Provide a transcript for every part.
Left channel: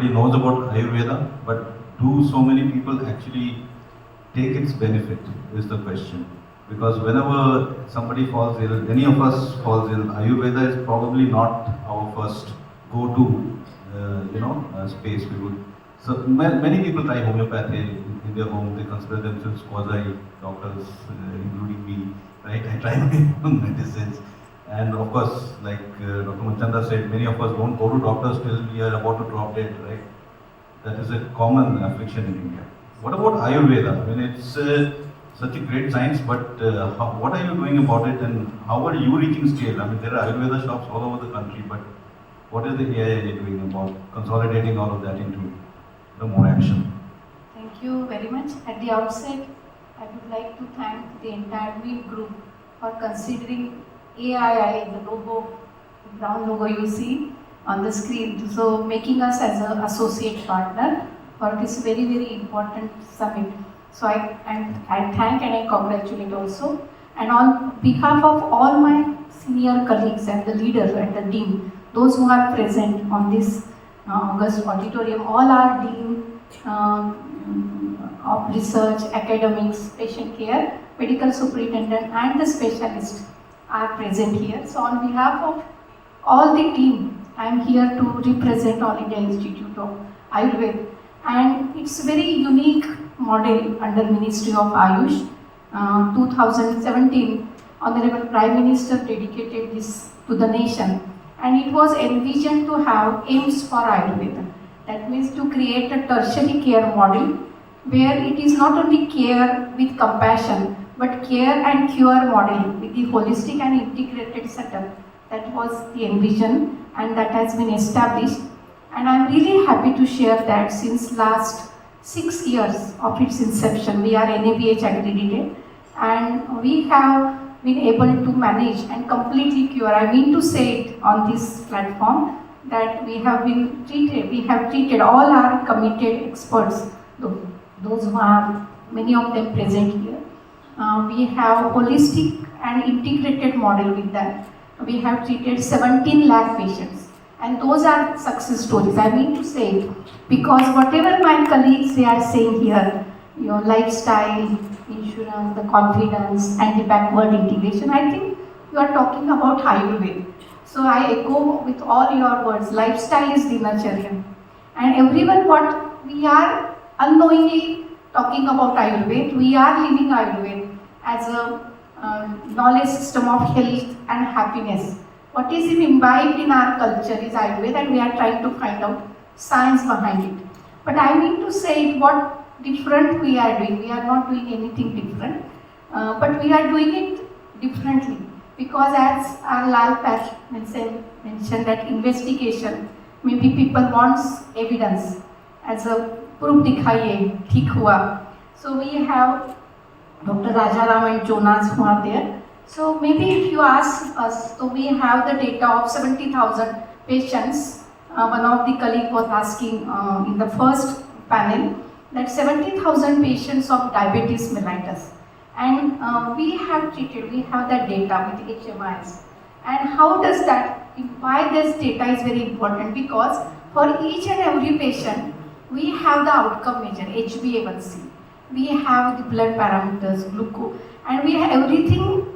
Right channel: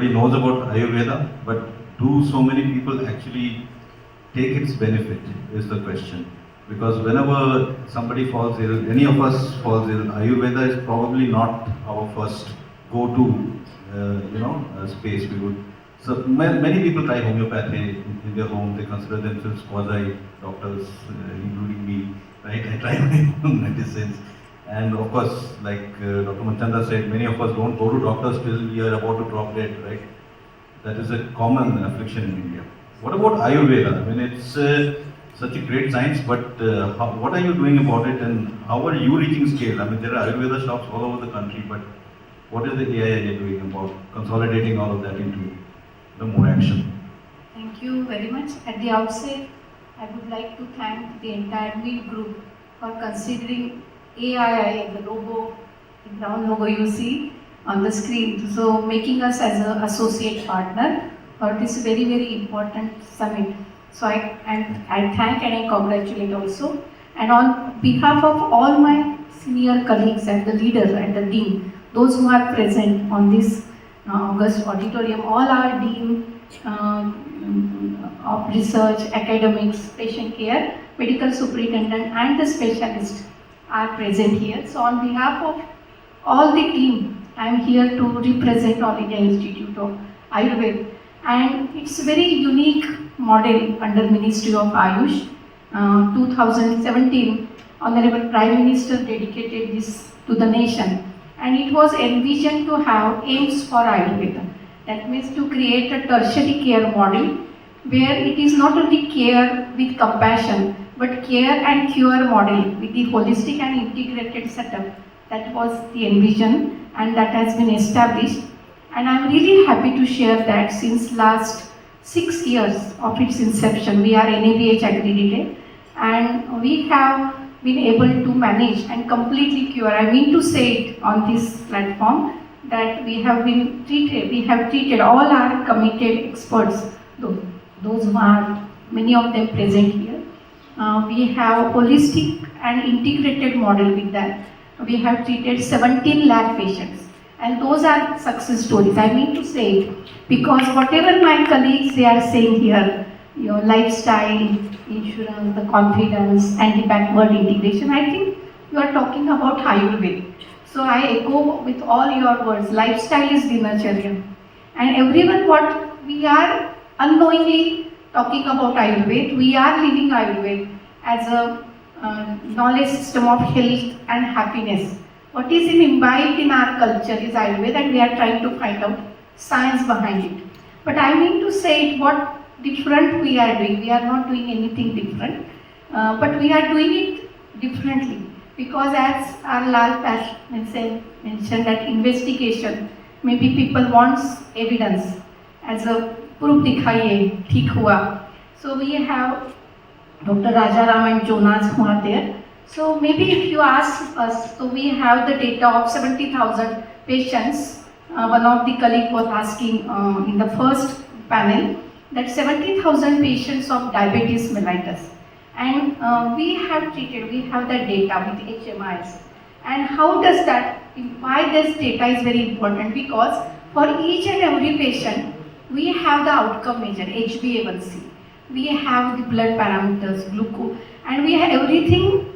everybody knows about Ayurveda, but do so many people actually take its benefit is the question. Because whenever somebody falls ill, any of us falls ill, Ayurveda is probably not our first go-to, space. We would. So many people try homeopathy in their home. They consider themselves quasi doctors, including me. Right? I try my own medicines. And of course, like Dr. Manchanda said, many of us don't go to doctors till we are about to drop dead, right? That is a common affliction in India. What about Ayurveda? I mean, it's such a great science, but what are you doing about it, and how are you reaching scale? I mean, there are Ayurveda shops all over the country, but what is the AIIA doing about consolidating all of that into the more action? Thank you very much. At the outset, I would like to thank the entire WHEEL group for considering AIIA, the logo, the ground logo you see on the screen, so making us as an associate partner for this very, very important summit. So I thank and I congratulate also. And on behalf of all my senior colleagues and the leaders and the dean, those who are present on this August auditorium, all our dean of research, academics, patient care, medical superintendent and the specialists are present here. So on behalf of all the team, I am here to represent All India Institute of Ayurveda, and it's a very unique model under Ministry of Ayush. 2017, Honorable Prime Minister dedicated this to the nation, and it was envisioned to have aims for Ayurveda. That means to create a tertiary care model where it is not only care with compassion, but care and cure model with the holistic and integrated setup. That was the envision, and that has been established. And I'm really happy to share that since last 6 years of its inception, we are NABH accredited, and we have been able to manage and completely cure. I mean to say it on this platform that we have treated all our committed experts, those who are many of them present here. We have holistic and integrated model with that. We have treated 17 lakh patients, and those are success stories. I mean to say it because whatever my colleagues they are saying here, your lifestyle, insurance, the confidence, and the backward integration, I think you are talking about Ayurveda. So I echo with all your words. Lifestyle is dinacharya, and everyone what we are unknowingly talking about Ayurveda, we are living Ayurveda as a knowledge system of health and happiness. What is imbibed in our culture is Ayurveda, and we are trying to find out science behind it. But I mean to say what different we are doing. We are not doing anything different, but we are doing it differently. Because as our Lal mentioned that investigation, maybe people wants evidence as a proof dikhaiye, theek hua. So we have Dr. Rajaram and Jonas who are there. So maybe if you ask us, so we have the data of 70,000 patients. One of the colleagues was asking in the first panel that 70,000 patients of diabetes mellitus. And we have that data with HMIs. And how does that, why this data is very important? Because for each and every patient, we have the outcome measure, HbA1c. We have the blood parameters, glucose, and we have everything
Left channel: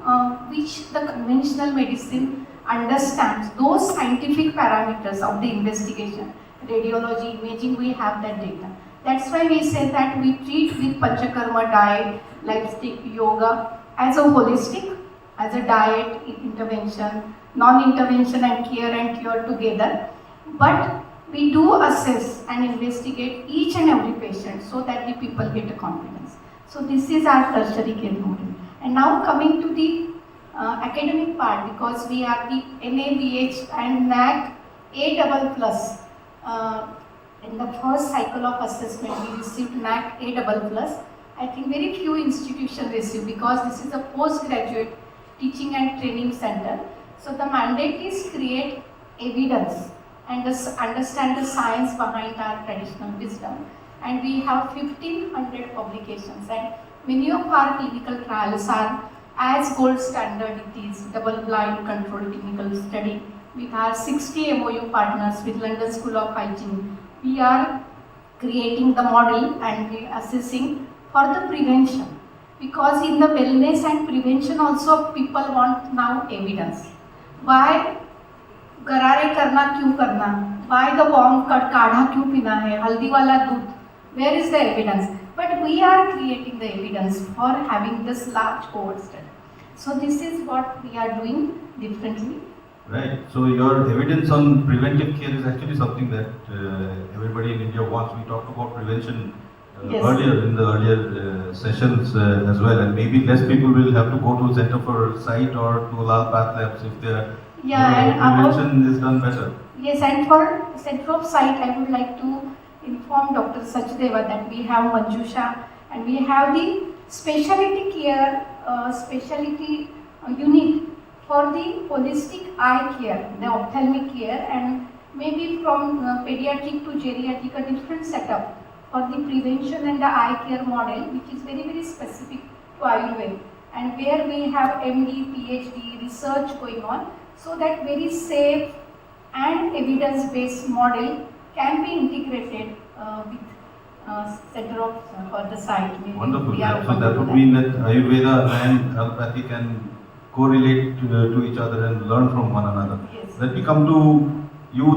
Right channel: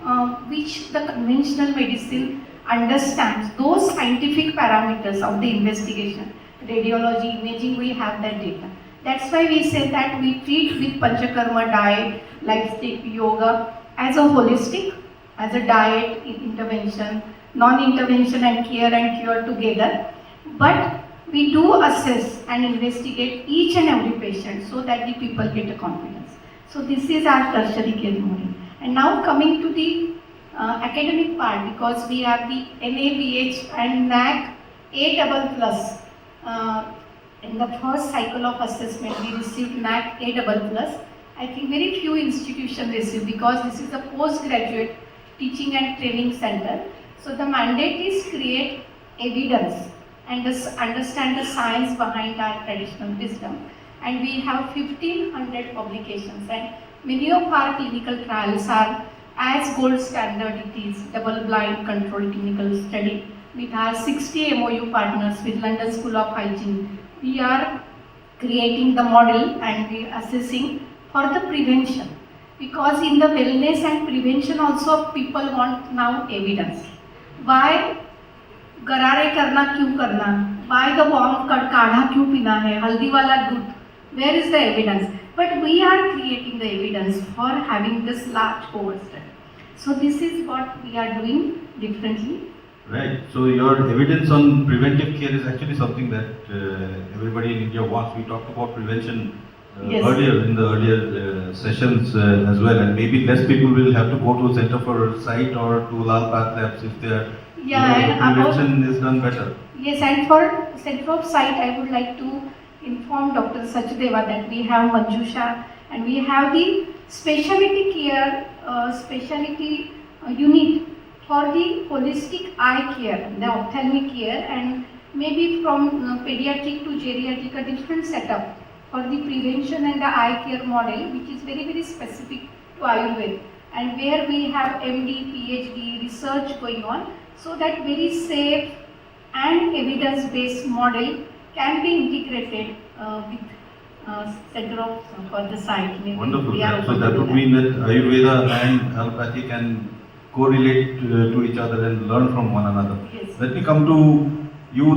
which the conventional medicine understands. Those scientific parameters of the investigation, radiology, imaging, we have that data. That's why we say that we treat with Panchakarma diet, lifestyle, yoga as a holistic, as a diet, intervention, non-intervention and care and cure together. But we do assess and investigate each and every patient so that the people get a confidence. So this is our tertiary care model. And now coming to the academic part, because we are the NABH and NAC A++. In the first cycle of assessment, we received NAC A++. I think very few institutions receive because this is a postgraduate teaching and training center. So the mandate is create evidence and understand the science behind our traditional wisdom. And we have 1,500 publications, and many of our clinical trials are as gold standard. It is double-blind controlled clinical study with our 60 MOU partners with London School of Hygiene, we are creating the model and we are assessing for the prevention. Because in the wellness and prevention also people want now evidence. Why गरारे करना क्यों करना, why the warm काढ़ा क्यों पीना है, हल्दी वाला दूध, where is the evidence? But we are creating the evidence for having this large cohort study. So this is what we are doing differently. Right. So your evidence on preventive care is actually something that everybody in India wants. We talked about prevention Yes. earlier in the earlier sessions as well, and maybe less people will have to go to Center for Sight or to Lal Path Labs if their And prevention is done better. Yes, and for Center of Sight, I would like to inform Dr. Sachdeva that we have Manjusha and we have the specialty care, specialty unit for the holistic eye care, the ophthalmic care, and maybe from pediatric to geriatric, a different setup for the prevention and the eye care model, which is very, very specific to Ayurveda, and where we have MD, PhD research going on, so that very safe and evidence-based model can be integrated with Center of for the Sight. Maybe Wonderful. we are So going to that do would mean that Ayurveda and allopathy can correlate to each other and learn from one another. Yes. Let me come to you.